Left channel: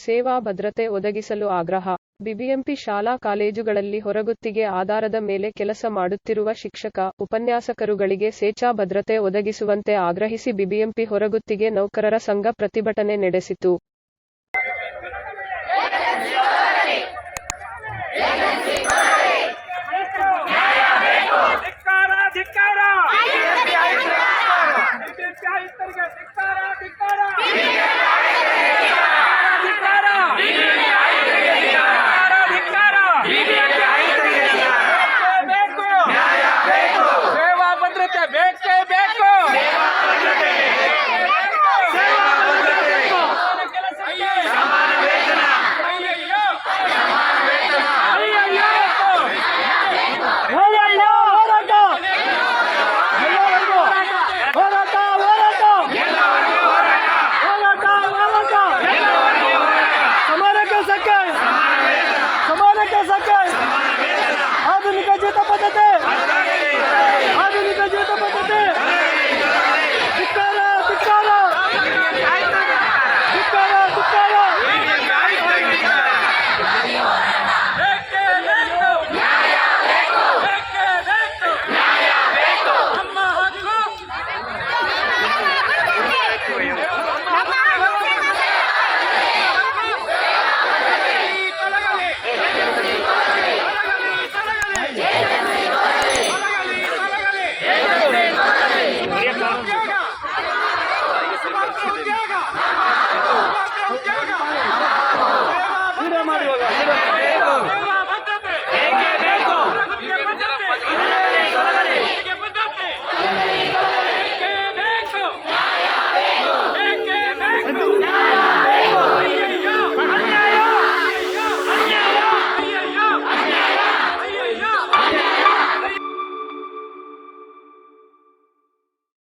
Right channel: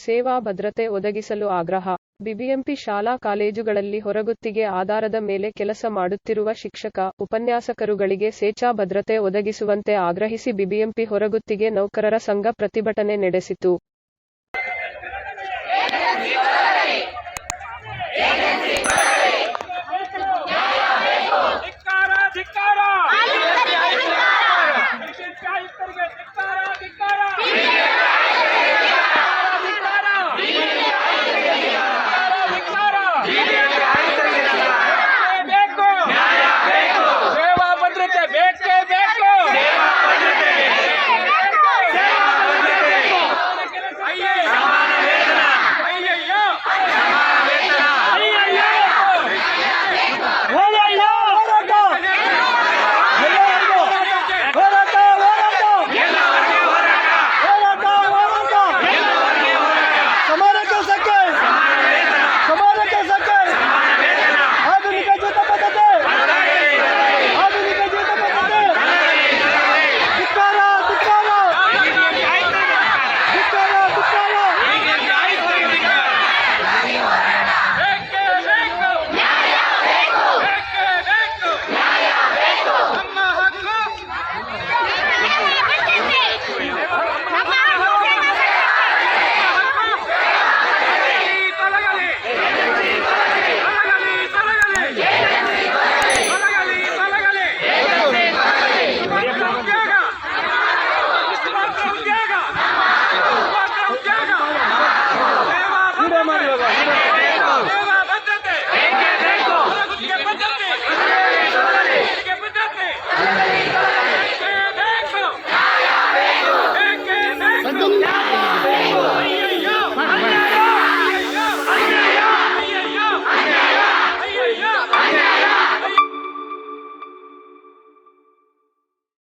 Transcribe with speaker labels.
Speaker 1: ಸೇವಾ ಭದ್ರತೆ ಒದಗಿಸಲು ಆಗ್ರಹ ಬಿಬಿಎಂಪಿ ಶಾಲಾ ಕಾಲೇಜುಗಳಲ್ಲಿ ಹೊರಗುತ್ತಿಗೆ ಆಧಾರದ ಮೇಲೆ ಕೆಲಸ ಮಾಡುತ್ತಿರುವ ಶಿಕ್ಷಕ, ಉಪನ್ಯಾಸಕರುಗಳಿಗೆ ಸೇಚಾ ಭದ್ರತೆ ಒದಗಿಸುವಂತೆ ಆಗ್ರಹಿಸಿ ಬಿಬಿಎಂಪಿ ಹೊರಗುತ್ತಿಗೆ ನೌಕರರ ಸಂಘ ಪ್ರತಿಭಟನೆ ನಡೆಸಿತು.